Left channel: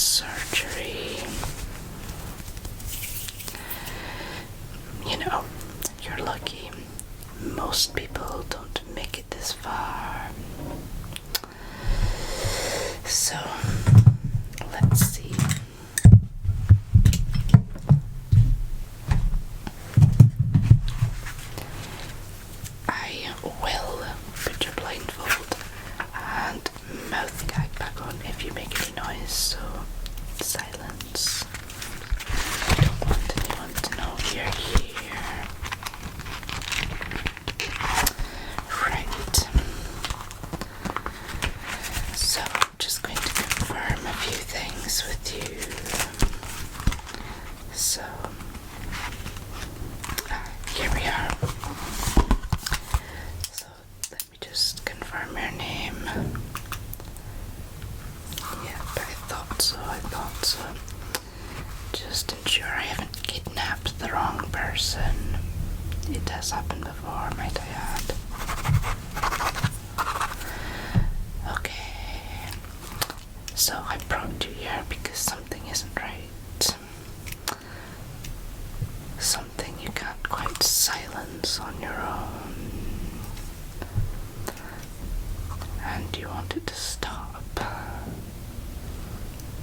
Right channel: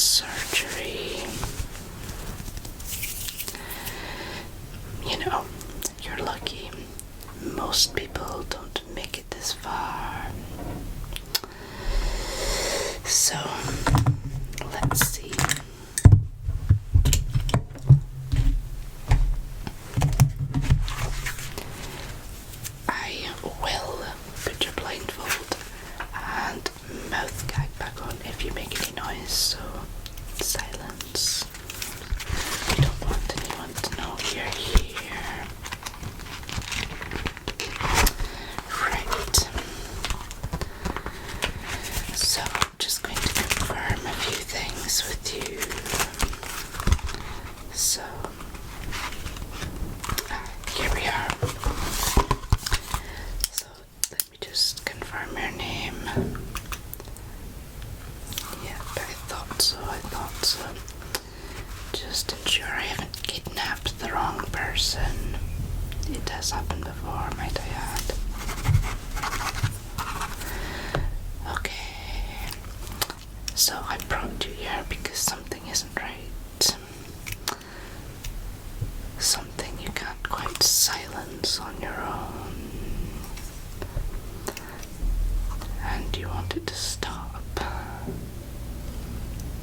surgery. You know, you're lucky. Most people don't make it this far. So, let's see. I will put your blindfold and mouth gag back on if you make any noise, so silence. I don't want anyone to know you're here. Right. So I'm just going to confirm a few things with you. So here we are. So let me just confirm your name. Yep, I thought so. Just ensure I haven't kidnapped the wrong person. It has happened before, might I add. Okay. So I brought you here because something isn't right. Something you can't quite silence on your own. And you want it to stop.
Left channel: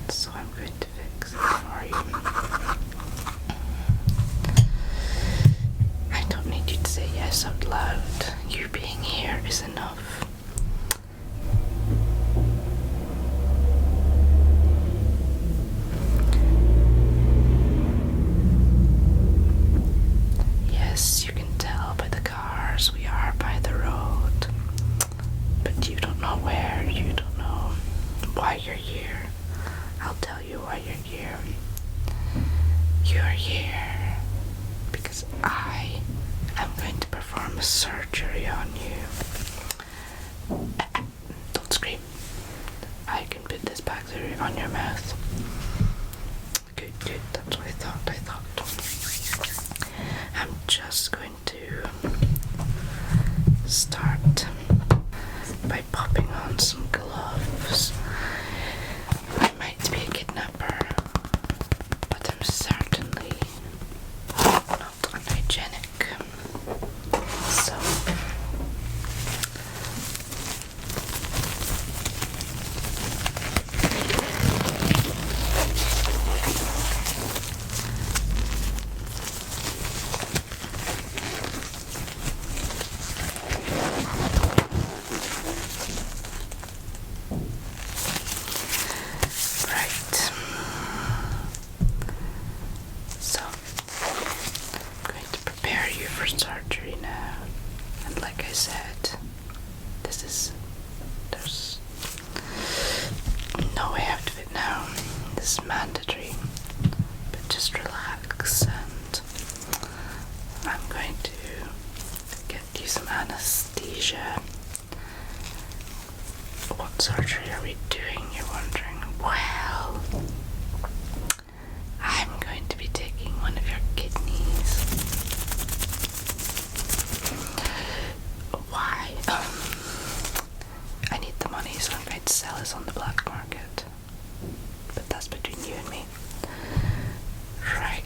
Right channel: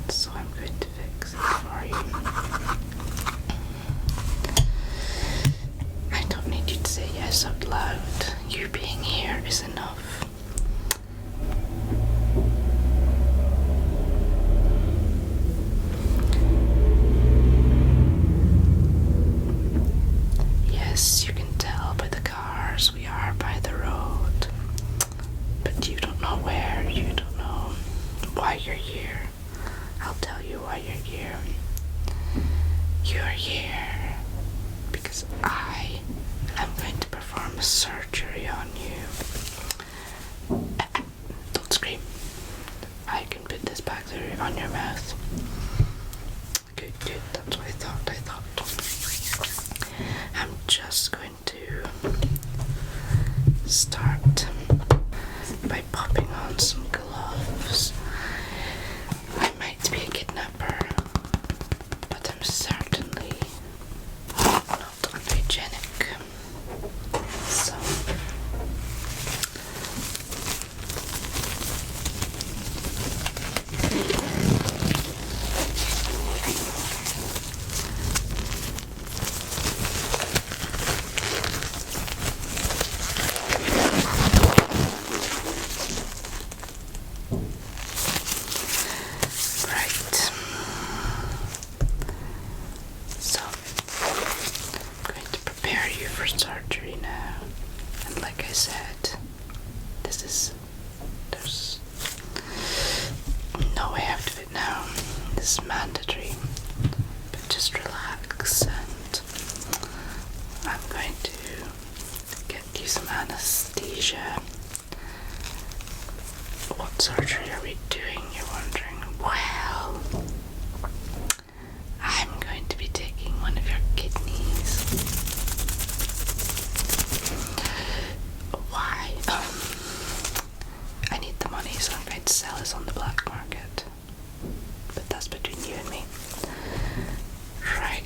So I'm going to fix it for you. I don't need you to say yes out loud. You being here is enough. Yes, you can tell by the cars we are by the road. But you don't know where, you don't know why you're here. I'll tell you why you're here. You're here because I am going to perform a surgery on you. Don't scream. I can put this back there on your mouth. Good, that's what I thought. I'm just going to start by popping on some gloves. I might be a kidnapper, but I'm certainly not unhygienic. So surgery now, and like I said, there's no way out of it now. This is mandatory, but just relax, and I'm going to get you some anesthesia. What surgery are we doing, you're wondering? Well, I'm going to be taking one of your kidneys. Why? I need the money, so I'm going to sell this on the black market. But that's between you and me. Right.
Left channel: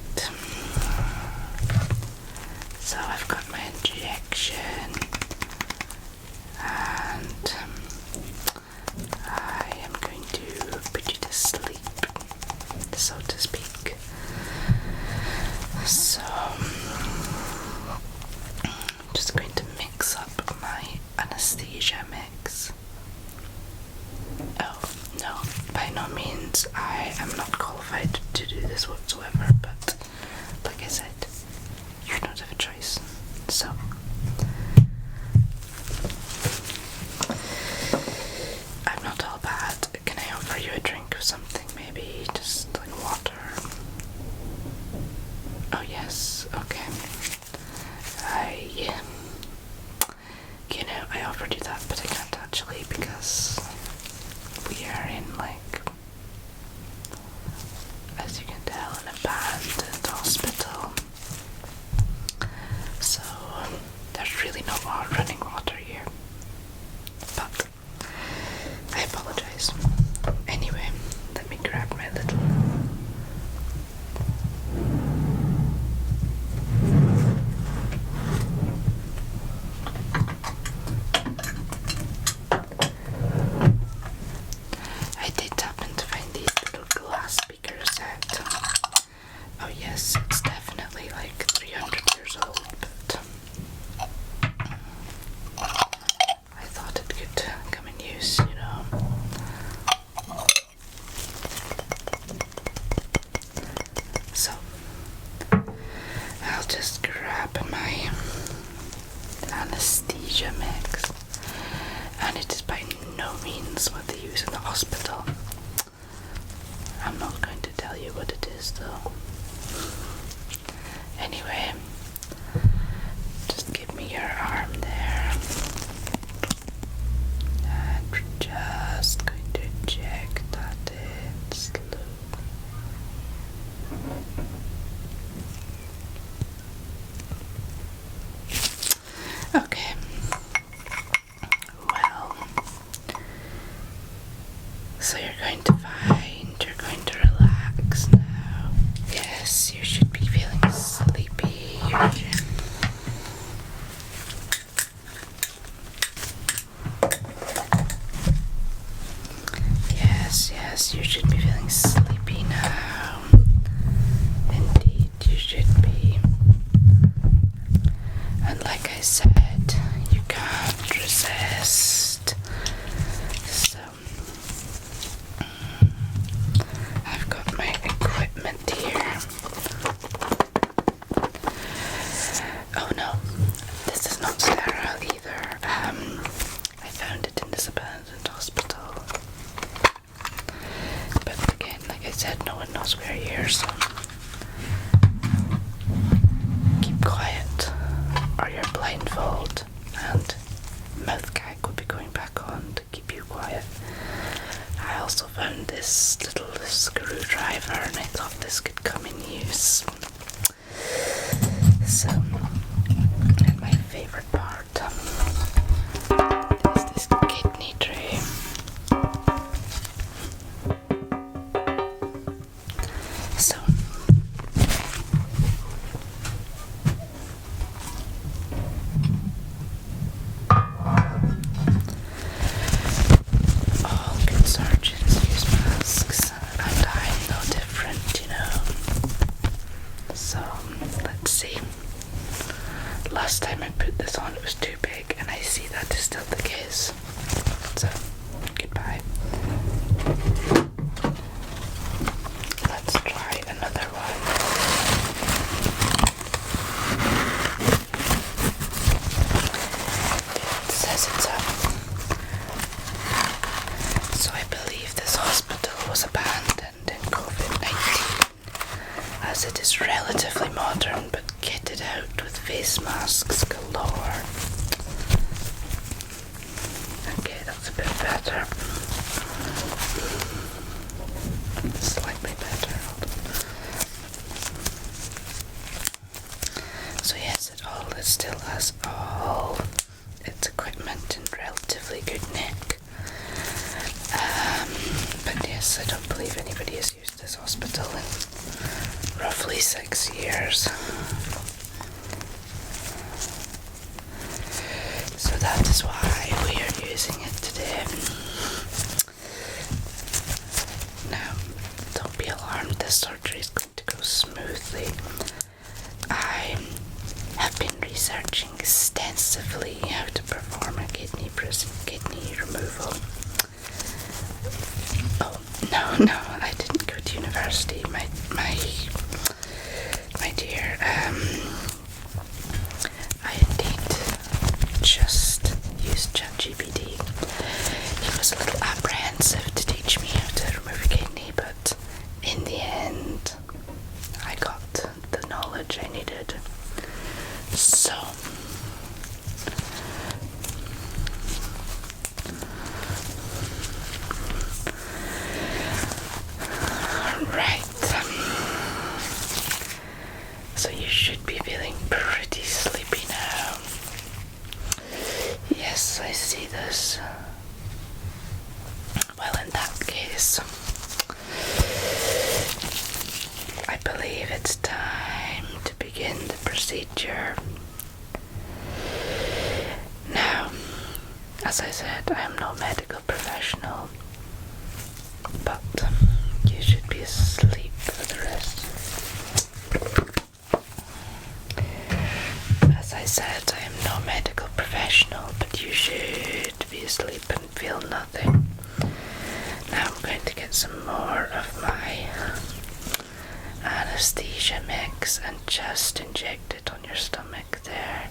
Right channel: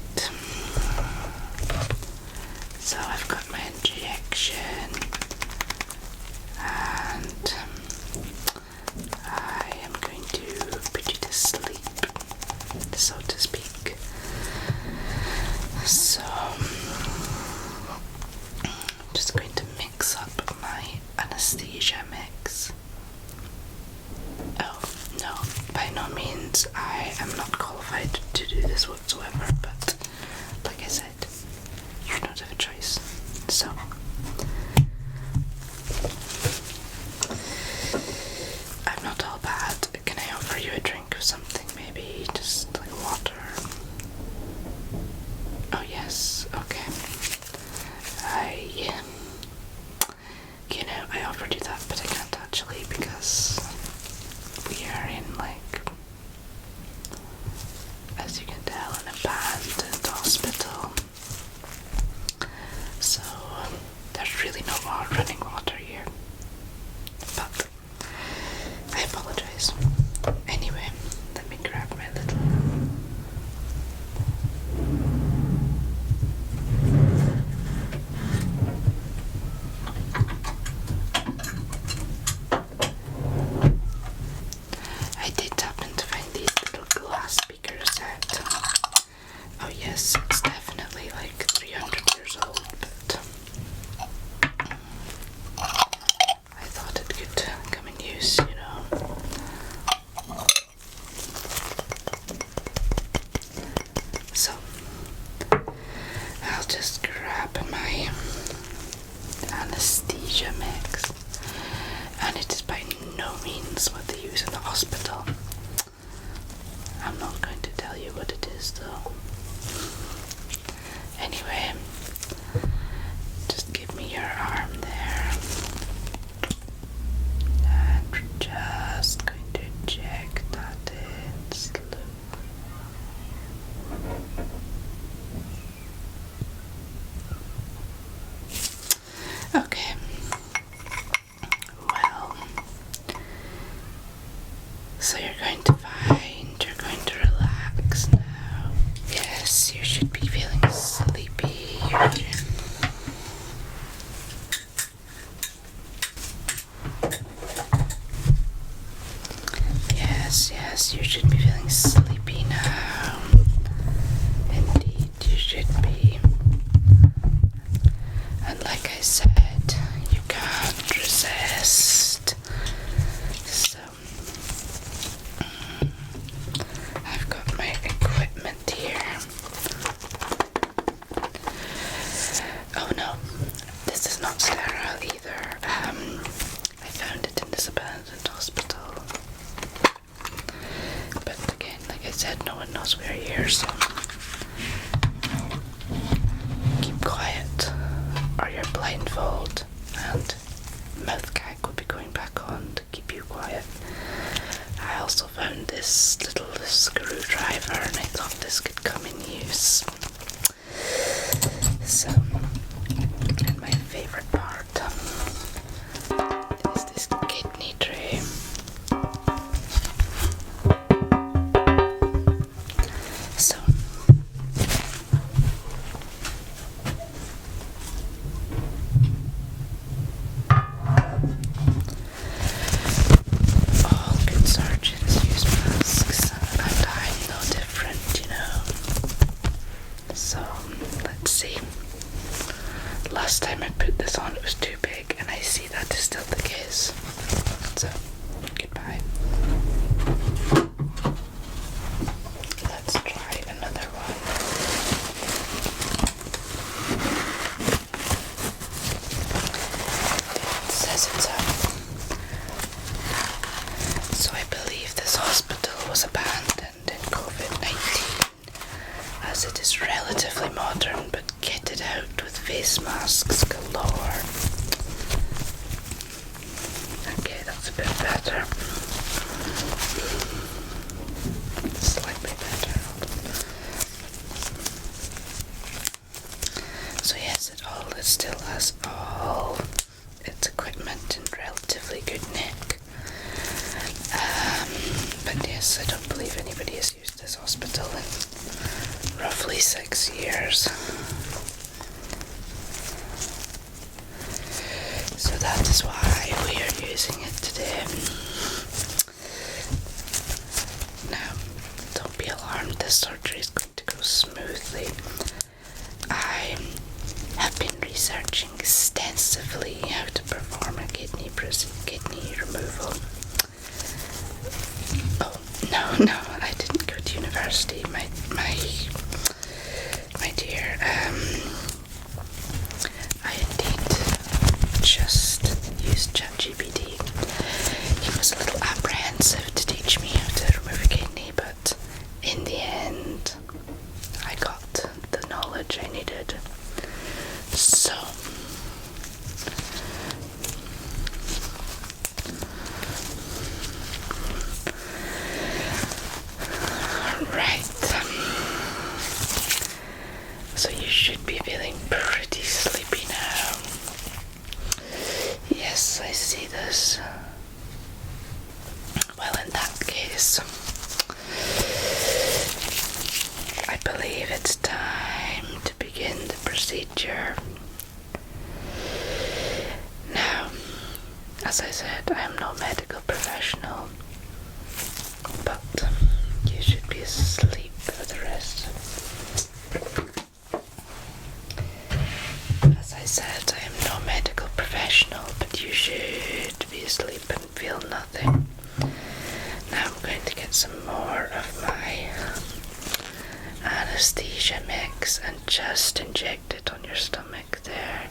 So I've got my injection. And I am going to put you to sleep, so to speak. So I'm just going to mix up my anesthesia mix. Oh, no, by no means. I am not qualified to do this whatsoever, but like I said, you don't have a choice. So I'm not all bad. Can I offer you a drink or something? Maybe just like water? Oh yes, okay. I offered you that, but I can't actually because we are in like means what they use in the hospital. I'm not going to tell you what it is though. Anyway, just give me your arm there. And we're just going to check that it's loose. Okay. Well, so you're going to relax now. Yes, you should be feeling sleepy. Yes, you should be feeling sleepy now. Indeed, you should be. And like I said, you can't resist. So, I've got my equipment here. Oh no, this is not sterile either. I found it in this abandoned hospital. But again, like I said, no one knows we're here, so keep quiet or your blindfold and mouth gag will be going back on to keep you quiet. I also found this little screwdriver and I thought this could come in use. So, and my favorite part is this kidney tray. So, all good surgeons use masks, and I'm no different, you know. So, let's see. Last time I put this on, it was too big, and I see that is still the case. So, goodbye. Let's try another one. It says it's so I believe this hospital was abandoned in COVID-19, as it is relatively modern but kitted out with face masks galore. Okay, that's a bit better. Slightly better. So yes, it still has all its equipment in relatively good nick. But yes, I don't believe anybody has used this hospital in roughly 6 years. So that is why we are using it today. Now, don't be alarmed, this surgery is going to go smoothly. I have been researching extensively how to perform a kidney removal. Oh, no, I didn't go to university, my dear. I indeed just used ChatGPT. He was a little apprehensive to teach me how to remove a kidney, but in the end, I got the knowledge I needed. So, right. So you should be feeling pretty sleepy now. Yes, I see this. Well, in that case, I believe it's time to begin the procedure. Now, as I said, I am no medical professional, but you should be asleep for the rest. As I said, I am no medical professional, but you should be asleep and feel nothing. Now I'm going to get some more of my anesthesia mix and just inject it on your stomach there.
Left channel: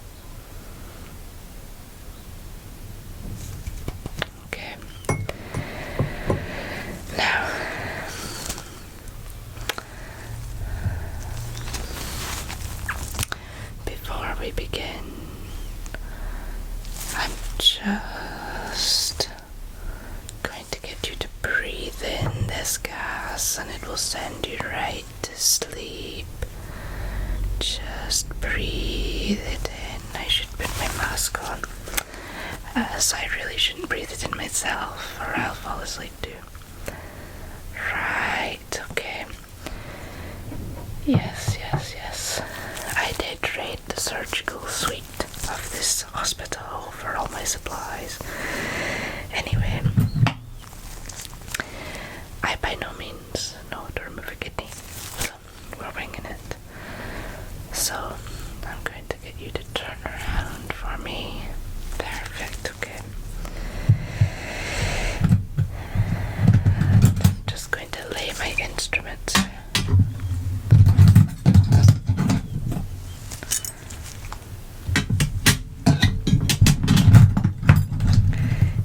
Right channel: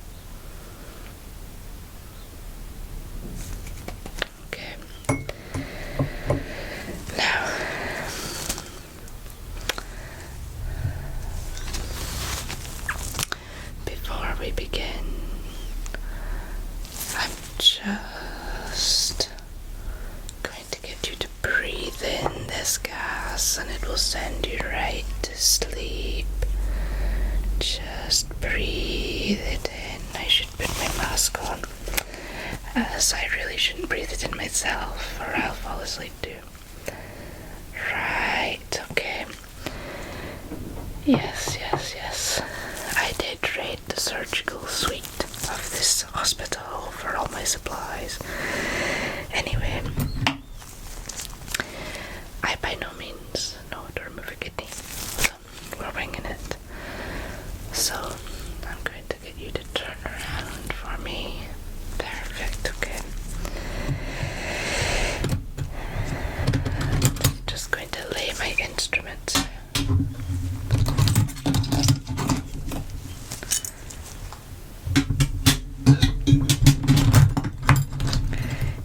Okay, just going to get you to breathe in this gas and it will send you right to sleep. Just breathe it in. I should put my mask on, as I really shouldn't breathe it in myself or I'll fall asleep too. Right, okay. Yes. I did raid the surgical suite of this hospital for all my supplies. Anyway, I by no means know how to remove a kidney, so we're winging it. So I'm going to get you to turn around for me. Perfect, okay. I'm just going to lay my instruments.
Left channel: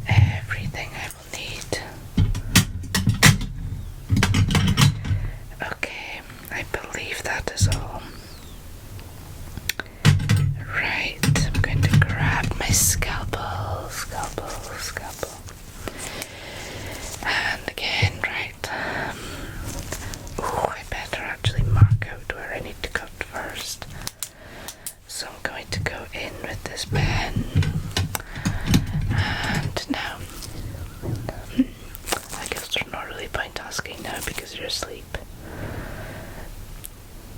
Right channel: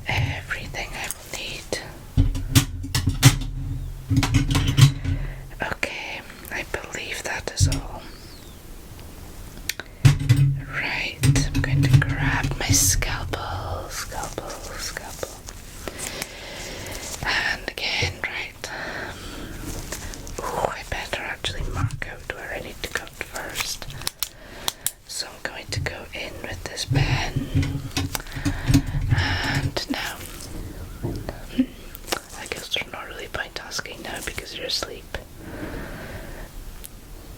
Everything I will need. Okay, I believe that is all. Right, I'm going to grab my scalpel. And again, right. I better actually mark out where I need to cut first. So I'm going to go in with this pen. And now, I guess there's not really point asking now because you're asleep.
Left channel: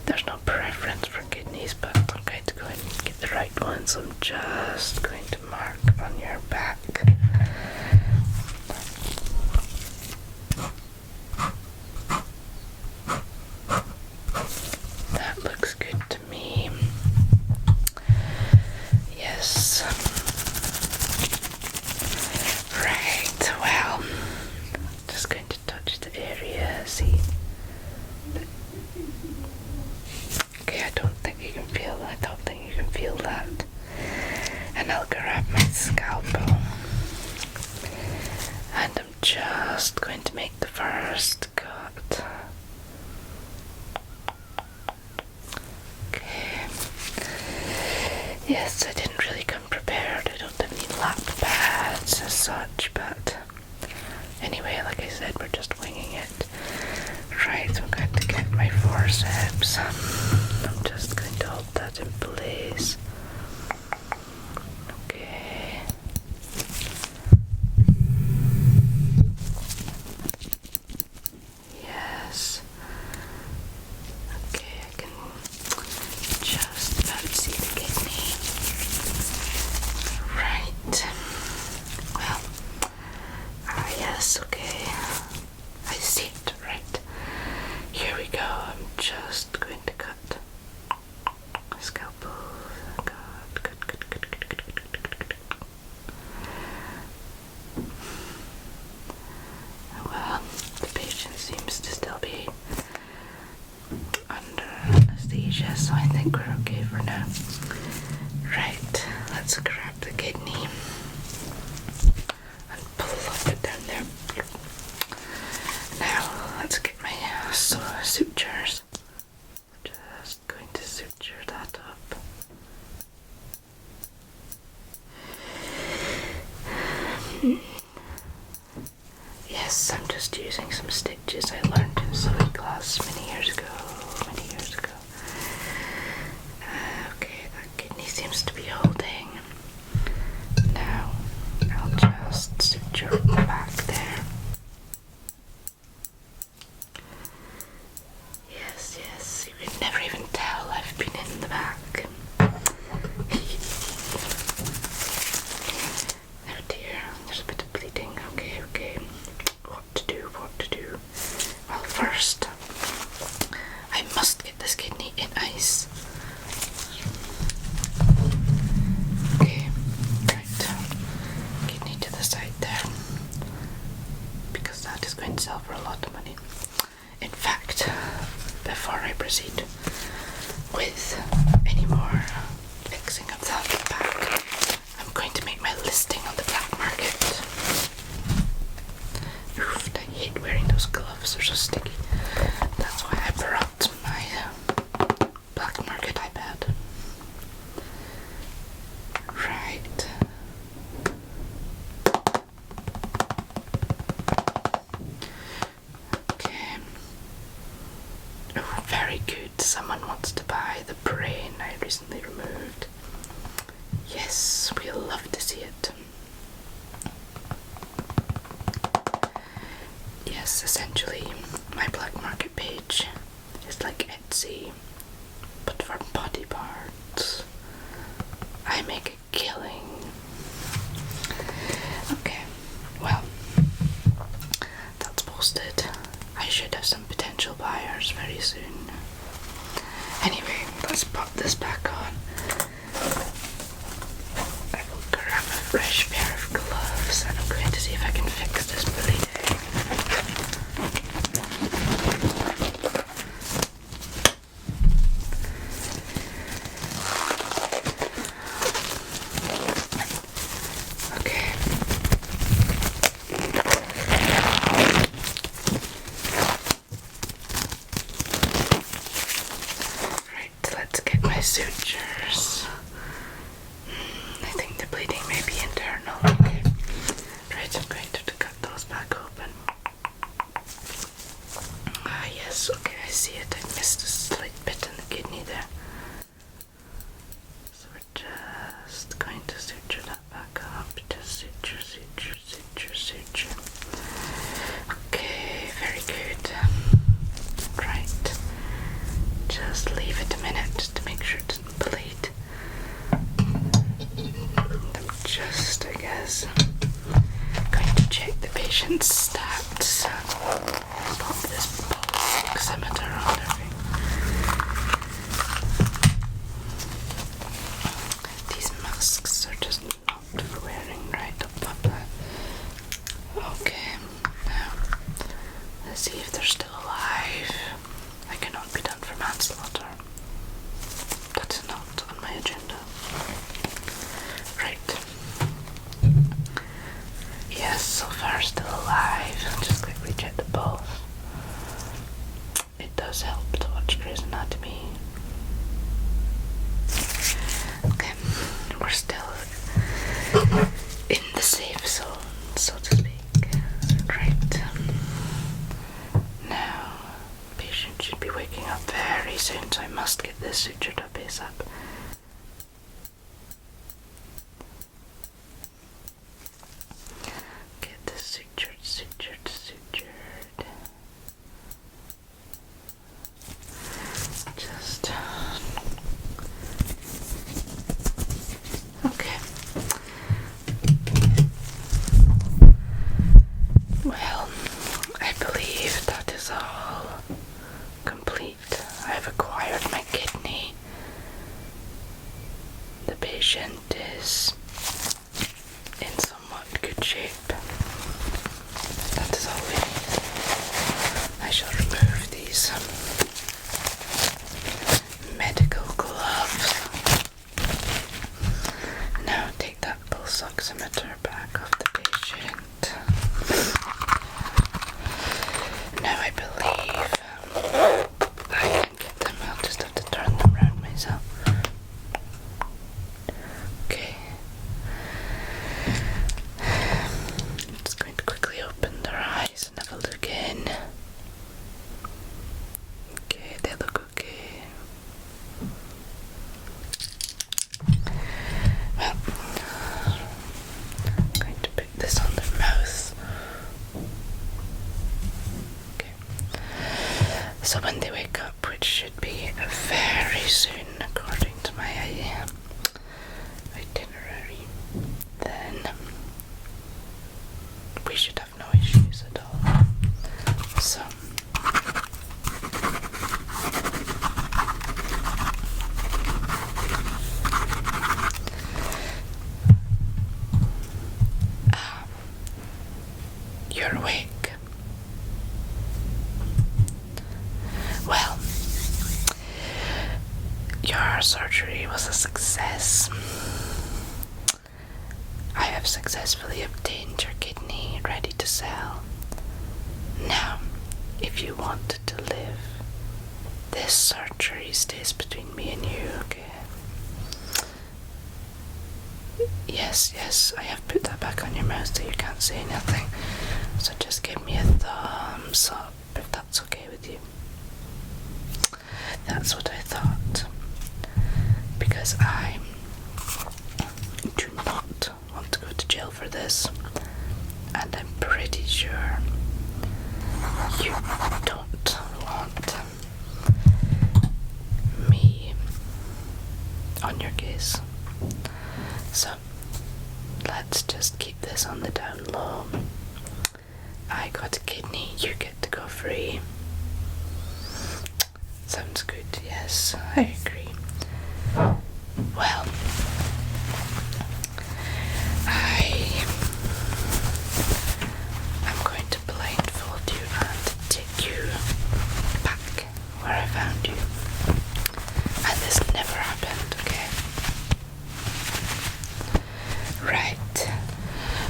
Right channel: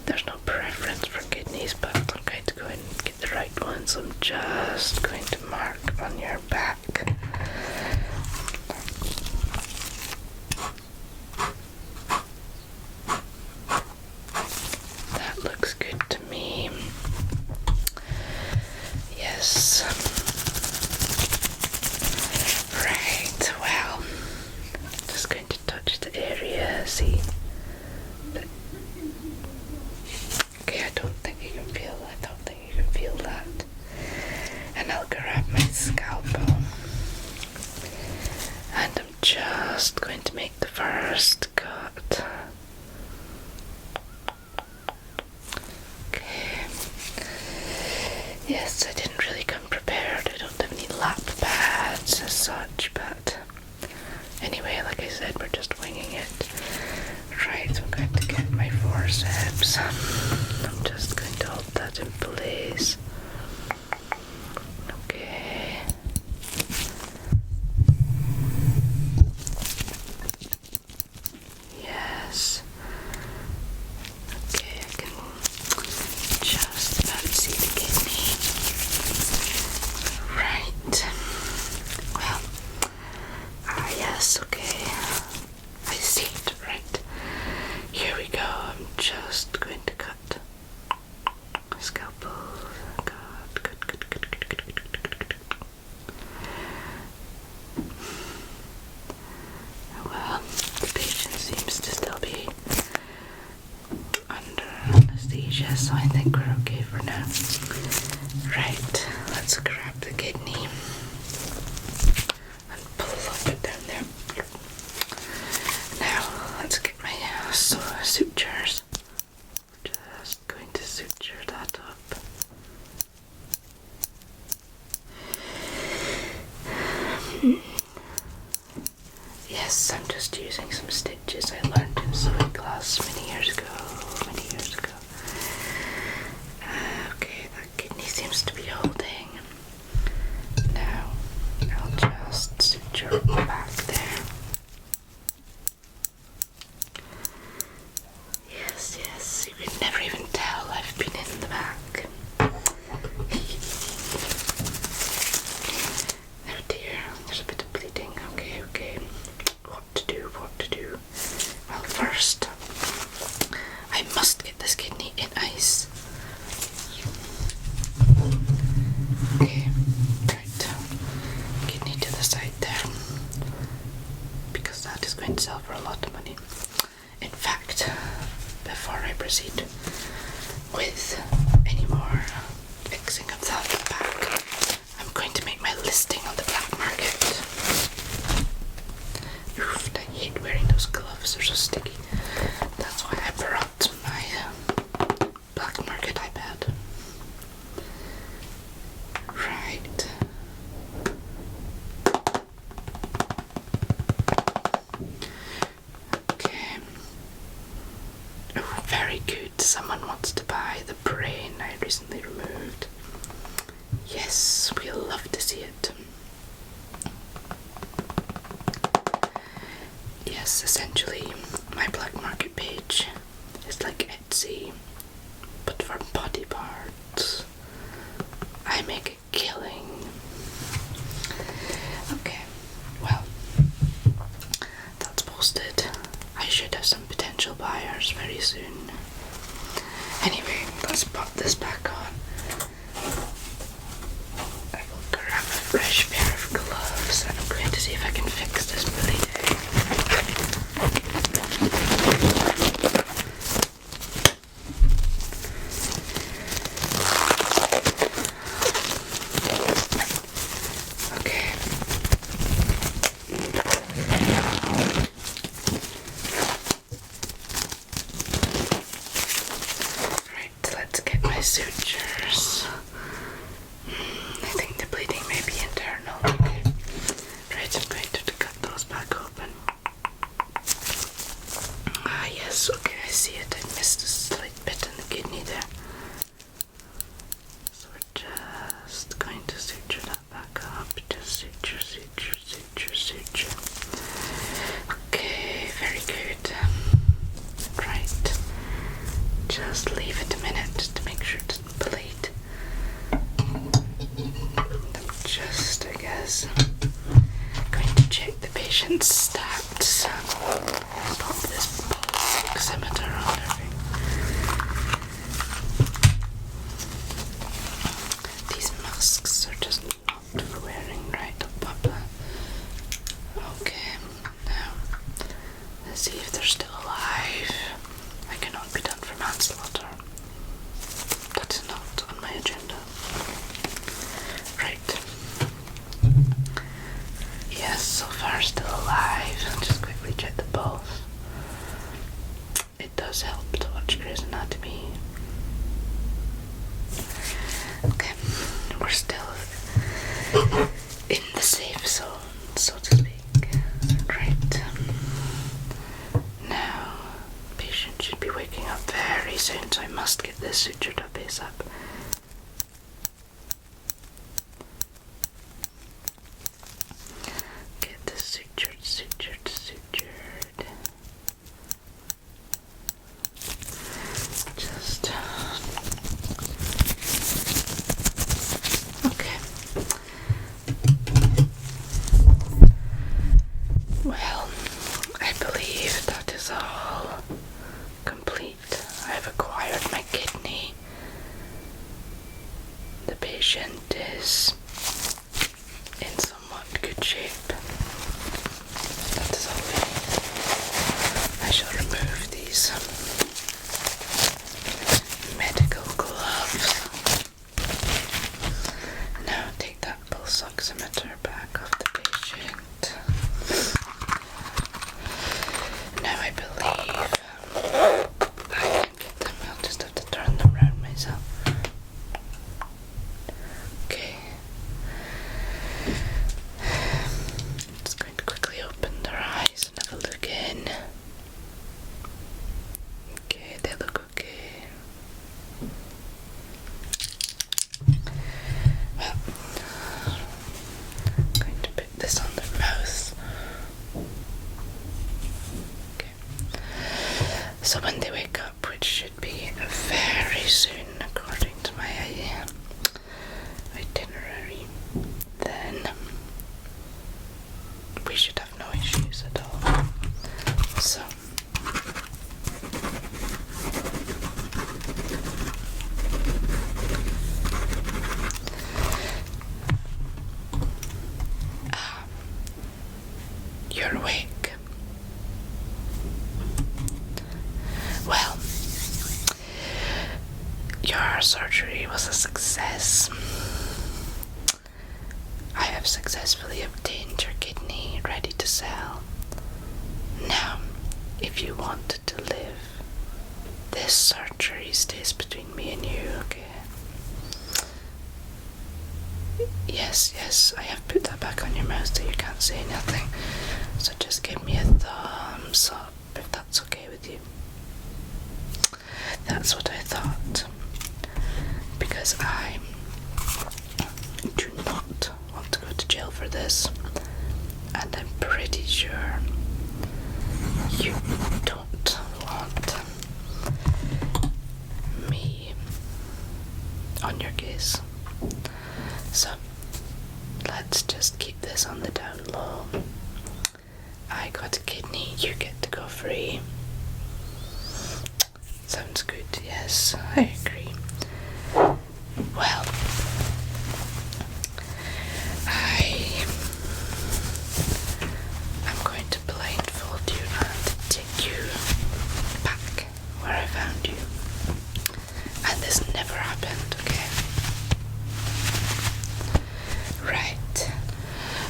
There's no preference for kidneys, but I'm going to go in and get the right one, so I'm just going to mark on your back. That looks good to me. Yes. Right, well, just going to touch the area, see. Okay, I don't think you can feel that. And I'll grab my scalpel. And I'm just going to make the first cut. Okay. Yes, I didn't really come prepared. I don't have any lap pads as such, but anyway, like I said, we're just winging it. Right, so I'm going to get my forceps. I'm just going to hold that in place. Okay. Yes. Okay, I can just about see the kidney. Right. Well, yes, okay. I see it, right. Here we go. I'm just going to cut. Scalpel. Good. Well, the patient seems to still be under anesthesia, so I think we're okay for now. Right, let's grab the kidney and plop it down there. Now, let's get my sutures. Just going to suture that up. Yes, I'm just using some stitches I learned in sewing class many years ago. Okay, that kidney seems to be holding. Now, I'll just suture it back there. Yes, you could never even tell I've been in the back. Oh dear, there's a bit of bleeding. Okay. What to do? Well, first, I must get this kidney in ice. Okay, right. Kidney to the side there. Because that is going to sell for a lot of money. In fact, before I proceed with any more fixing of that back, I'm going to make my listing on the black market. Oof, I hate wearing those gloves, they're so sticky. That's why I brought my black market iPad. Right. see it. Yes, essentially, my black market page is like Etsy, but for body parts. I make a killing. Okay, well, that's posted. I should have some potential buyers very soon. Anyway, let's pop this back on. I will grab a fresh pair of gloves and I'm going to see if I can fix this bleeding. Okay. Right, let's get my sutures. I think the bleeding may be internal. Okay. Right, I'm going to cut those back open. Ah, yes, okay, I see it. I missed a slight bit in the kidney there. So we're just going to suture that back up. Just suture, suture, suture, suture. Okay, very good. Right. Just leave it a minute to make sure it doesn't bleed. I'm just, I guess, going to check the patient's stats. Pop this oximeter on everything. These masks are just not for wearing, right? I'll pop that. Okay, now let's see if they're still alive. I cannot be done for manslaughter. That is not on my agenda. Right. Yes, so far still alive. I'll just quickly check the pulse. It does help to watch Grey's Anatomy. Okay, we're still in the safe zone, so to speak. Right. Now, patient should be waking up very soon, so I must get this sutured up ASAP. Get this sutured, sutured, sutured. Just okay. Well, I believe that is all complete. I have acquired my kidney. The patient is in somewhat good shape. That is all we need. I shall remove these medical gloves. Now take that pulse oximeter back off the patient. Now I believe I can get them. I'll just have to turn them around myself. Okay. I'm just going to quickly open their eyes and have a look in. Okay, they look okay. Well, I'm going to put this on their mouth. Okay. So when they wake up, which should be very soon according to my itinerary, then we should have no issues at all. So you're awake. Well, your surgery was a success. I have successfully obtained your kidney ready to sell. Now, if you wanted to live, this surgery stays between me and you, okay? Yes, I have put that back on your mouth so you can't say nothing. So just give me a thumbs up if that's okay with you. That's what I thought. Because I do not want this, and I'm pretty sure you don't want me on your case. So let's just keep this on the down low. I got a kidney, you get to go free. Sounds good, yes, I agree. Well, I'm going to blindfold you and take you back where I found you. And this never happened, okay? Right.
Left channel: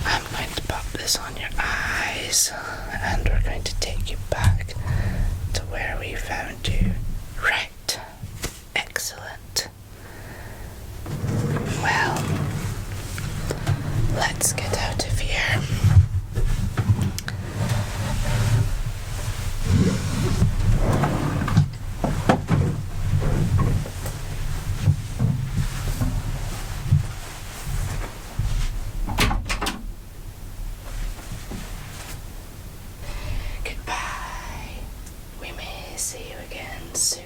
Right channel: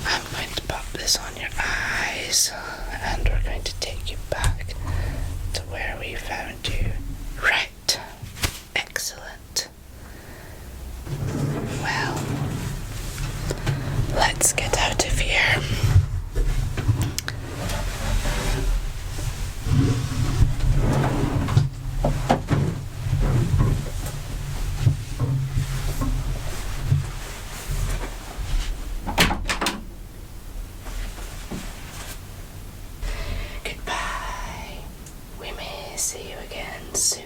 I'm going to pop this on your eyes, and we're going to take you back to where we found you. Right. Excellent. Well, let's get out of here. Goodbye. We may see you again soon.